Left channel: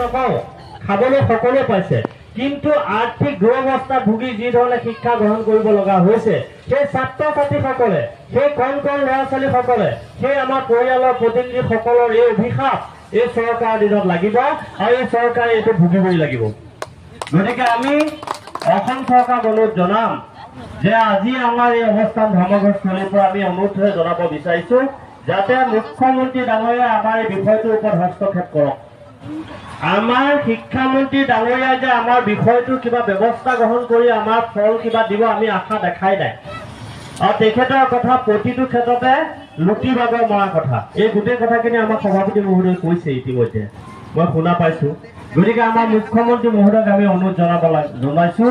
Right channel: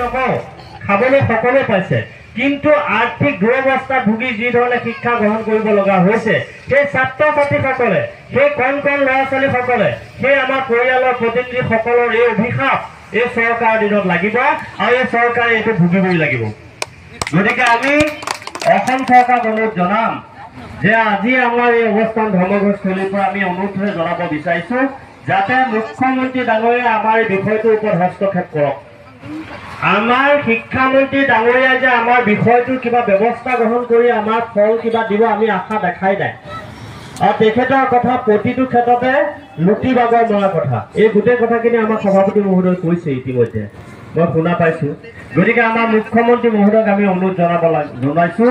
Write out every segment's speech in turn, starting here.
নকওঁ, খাবলৈ সকলোৱে পাইছে, কিন্তু আৰ্থিক দুৰৱস্থাত ভুগি যি ধৰণে শিক্ষা গ্ৰহণ কৰিব লগা হৈছে, সেই ছাত্ৰ ছাত্ৰীসকলে, সেই কণ কণ ল'ৰা ছোৱালীসকলে, সেই আমাৰ পৰিয়ালৰ প্ৰতিনিধিসকলৰ এই অভিশাপ এই চৰকাৰৰ দিনত লাগিব আৰু এই চৰকাৰে এইটো ভুগিবই লাগিব। গতিকে আমি অসম চৰকাৰক অনুৰোধ জনাম যে আজি আমাৰ এই অৱস্থান ধৰ্মঘটস্থলীৰ পৰা আমি অনুৰোধ জনাব বিচাৰিছো যাতে মুখ্যমন্ত্ৰী ডাঙৰীয়া আমাৰ এই বিষয়টোৰ ওপৰত হস্তক্ষেপ কৰক। আমাৰ শিক্ষামন্ত্ৰী ডাঙৰীয়াই যে আমাৰ বিষয়টোৰ কিবা ব্যৱস্থা গ্ৰহণ কৰি আমাৰ ফল কিবা দিব আমি আশা দেখাই নাই। আৰু তেখেতৰ কথা প্ৰতিটো ক্ষেত্ৰতে লুটি বাগৰ মৰা কথা, এই গোটেই কথাখিনি আমাৰ সভাপতি মহোদয় কৈছে ইতিমধ্যে, মই শুনা পাইছো। গতিকে আমাৰ মুখ্যমন্ত্ৰী মহোদয়ক আমি অনুৰোধ জনাইছো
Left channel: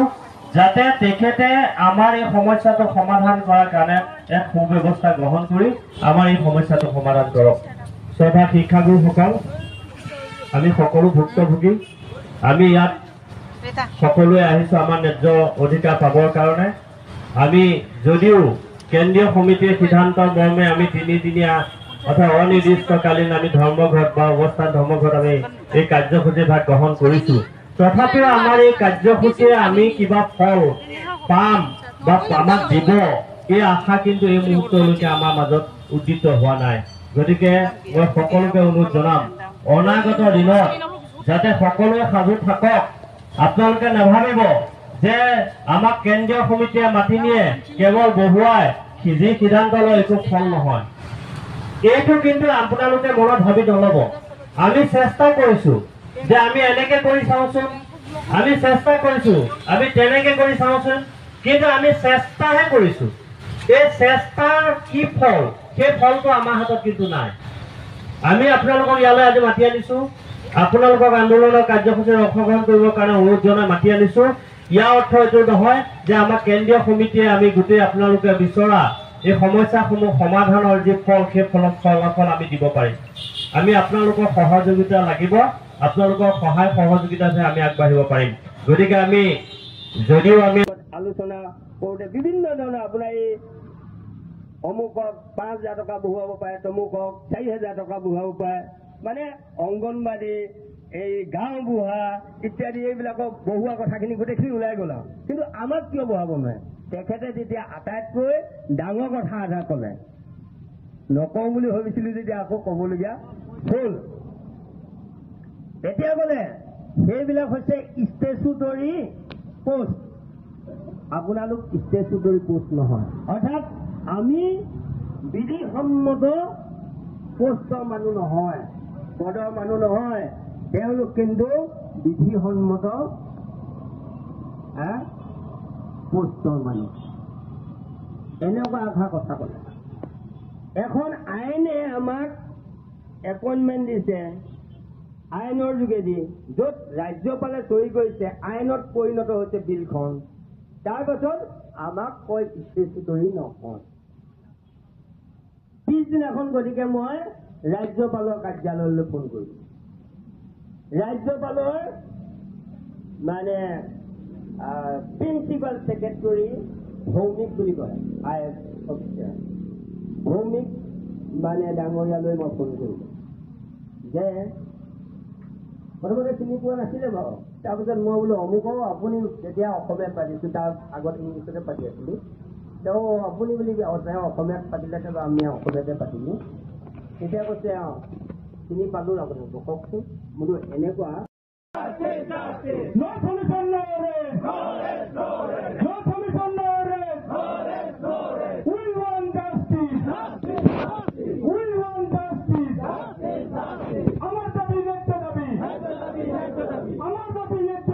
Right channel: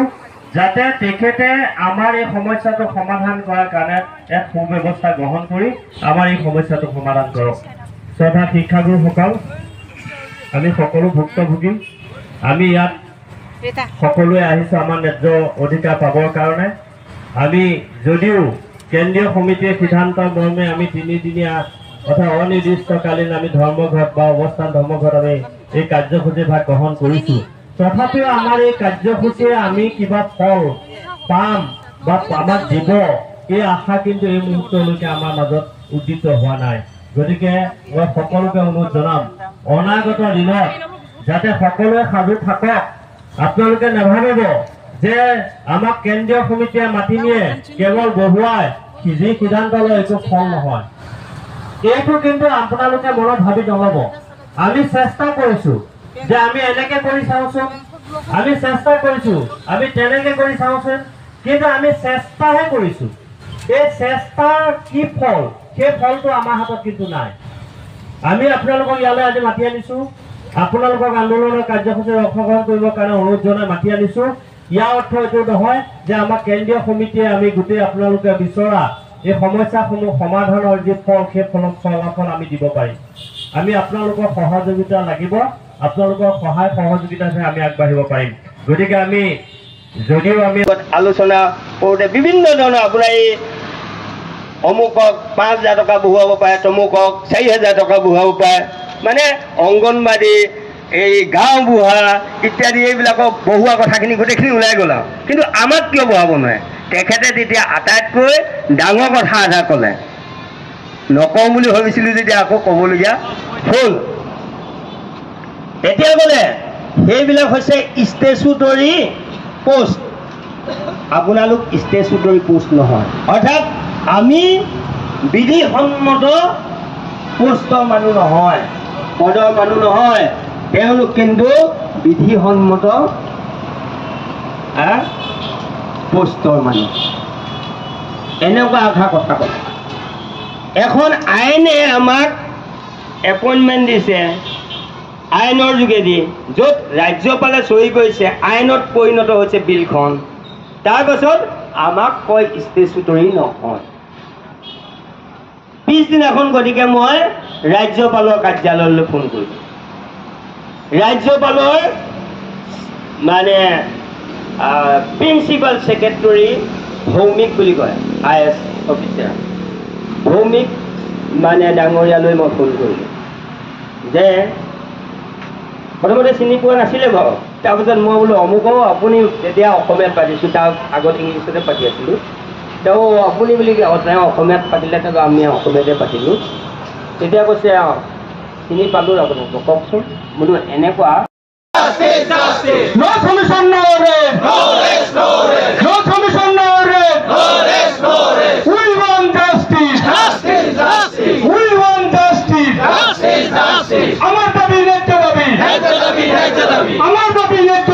যাতে তেখেতে আমাৰ এই সমস্যাটো সমাধান কৰাৰ কাৰণে এক সুব্যৱস্থা গ্ৰহণ কৰি আমাৰ এই সমস্যাটো সমাধান কৰক। শ্ৰদ্ধা শিক্ষাগুৰুসকল, আমি সকলো ভুক্তভোগী, আমি ইয়াত সকলোৱে আহিছো আমাৰ ন্যায্য অধিকাৰ পাবৰ কাৰণে। আমি যদিও কেন্দ্ৰীয় সমিতিৰ সিদ্ধান্ত মৰ্মে আমি 3 দিনীয়া অৰ্থাৎ অনিৰ্দিষ্টকালীন আমি ধৰ্মঘট বা অৱস্থান ধৰ্মঘট আমি এই কাৰ্যসূচী ভাগ গ্ৰহণ কৰিছো, তথাপিও আমাৰ এই কাৰ্যসূচীৰে আমি কিবা ফল পাম বা আমাক দিব এই আশা কিন্তু এই মুহূৰ্তলৈকে আমাৰ মাজত উদ্দিত হোৱা নাই। গতিকে মই সকলোকে অনুৰোধ জনাম অনাগত দিনত যাতে সকলোৱে সাজু থাকক। আপোনালোকে নাভাবিব যে আমাক কেন্দ্ৰীয় সমিতিয়ে মাতি নিয়ে কেৱল বহুৱাই যি সিদ্ধান্ত লয় এইটো ফল নহয়, এইটো কিন্তু আপোনালোকে মনত ভাবি নলব। আমি চেষ্টা কৰিছো যে আমি এনেকে কৰি চাওঁচোন, আমি চেষ্টা কৰিছো আমি তেনেকে কৰি চাওঁচোন, কিন্তু আমি চেষ্টাহে কৰিছো। এই চেষ্টাৰ কি ফল, সেই ফলটো আমাৰ হাতত কিন্তু নাই। আমি আপোনালোকক ইয়ালৈ আজি মাতি আনিছো, আপোনালোকক আন্দোলনৰ কাৰ্যসূচীত অংশগ্ৰহণ কৰিবৰ কাৰণে অনুৰোধ জনাই মাতি আনিছো। ইয়াৰ অৰ্থ এইটো নহয় যে আমাক কেন্দ্ৰীয় সমিতিয়ে আমি গোটেই আপোনালোকে বিচৰা এই সমস্যাসমূহ সমাধানৰ যি ফল সেই ফলাফল আমি দিব পাৰিম। আমি আপোনালোকৰ সহযোগিতা লাগিব, আপোনালোকৰ সহায় সহযোগিতাহে আমি আগবাঢ়িব পাৰিম। গতিকে আমি যদিও আমি আলোচনা কৰোঁতে বিভিন্ন ধৰণৰ আপোনাৰ এই অমুকক 5,000 টকা বহুৱাব পাৰে, তমুকক 4,000 টকা বহুৱাব পাৰে, মানে অংগনবাদী এই গাঁও বুঢ়া ইত্যাদি এইবিলাকক বহোৱা কথাখিনি গোটেইখিনি ওলাই গ'ল আৰু। কিন্তু আমাক কিয় বহাব নোৱাৰে? তেখেতে তেতিয়া আটাইতকৈ ডাঙৰ কথা এটা ক'লে, নকওঁ বুলি ভাবিছিলোঁ যেতিয়া আকৌ ক'বলগীয়া হ'ল। এতিয়া ক'লে সেইবিলাক হৈছে ষ্টেচুটৰী পোষ্ট, আপোনালোক ষ্টেচুটৰী পোষ্ট নহয়, অৰ্থাৎ আমি বিধিসন্মত পোষ্টৰ মানুহ নহয়, পদৰ মানুহ নহয়, তেওঁলোক কিন্তু বিধিসন্মত পোষ্টৰ মানুহ। এনেকুৱা কথা ক'লে। এখন আইনে আমাক এপইণ্টমেণ্ট দিছে আইনৰ যোগেদি, য'ত ৰাজ্যপালে চহী কৰিছে, আইনত পৰিণত হৈছে বিলখন, তাৰপাছত আমাক কয় ষ্টেচুটৰী নহয়। পিছদিনাখন গতিকে মই ৰাজ্যপালৰ কাৰ্যালয়লৈ ফোন কৰিছোঁ। ৰাজ্যপালৰ মানে প্ৰিন্সিপাল ছেক্ৰেটৰী ভৌমিক বুলি কয়, IAS অফিচাৰ ভৌমিক মানে ডাঙৰীয়ালৈ মই ফোন কৰিলোঁ যে প্ৰথমতে চিনি পোৱা নাছিলে বাৰু, তাৰপিছত মই বোলো অমুকও আপুনি, তেতিয়া অসমীয়াত পাতিছোঁ, তাৰ আগত ইংলিছতে পাতি আছিলোঁ, তেওঁ আপুনি বুলি তেওঁ অসমীয়াত পাতিলে, তেওঁ আমি অসমীয়াতে পাতিলোঁ। তেতিয়া কৈছে চিনি পালোঁ আপোনাক, কওকচোন। বোলো এনেকুৱা আমাৰ দাবি ন্যায্য দাবি, আমাৰ দাবি ন্যায্য